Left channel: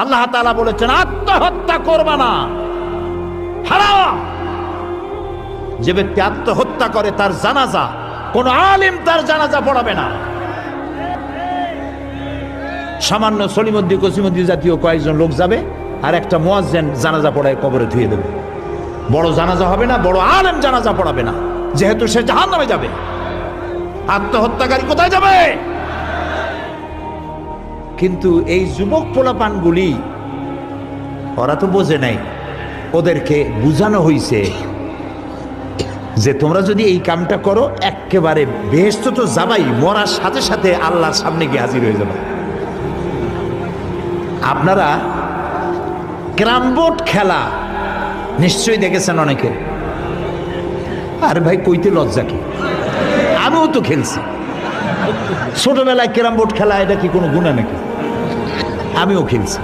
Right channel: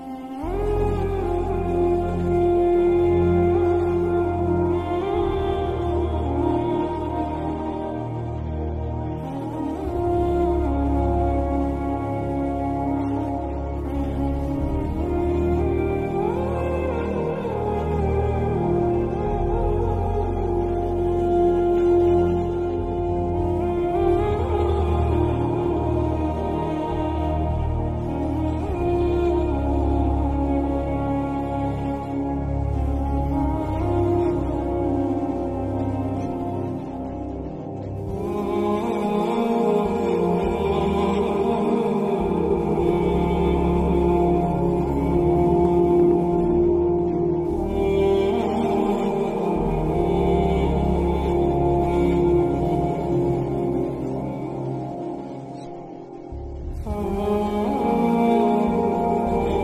আল্লাহ তাআলা বলেছেন আত্মহত্যা করবা না, হারাম। যে ব্যক্তি আত্মহত্যা করে তার জানাজা কোন আলেম তার জানাজা পড়াবে না। সামান্য সলিমুদ্দি কসিমুদ্দি জাতীয় কয়েকজন লোক যাবে, আর একটা মুয়াজ্জিন জানাজা পড়ায় কবরে ধুয়ে দেবে। বড় জানাজা হবে না, বড় আলেম জানাজা পড়াবে না, যেহেতু সে জাহান্নামে যাবে। আত্মহত্যাকারী কোথায় যাবে? কিন্তু এই যুবক পোলাপানগুলি ওরা তো বোঝে নাই, ওদেরকে বুঝানো হইছে যে তোমরা যদি এই কামটা করো একেবারে বেহেশত তো যাবাই, মরার সাথে সাথে আল্লাহর সামনে গিয়ে হাজির হয়ে যাবে। আপনারা ক্যারাম বোর্ড খেলা নিশ্চয়ই দেখেছেন অনেকে। আর ভাই কইতে লজ্জা কি, আমিও তো খেলছি ছোটবেলায় ক্যারাম বোর্ড খেলা, এটা কি কোনো গুনাহ নাকি? আমিও খেলছি।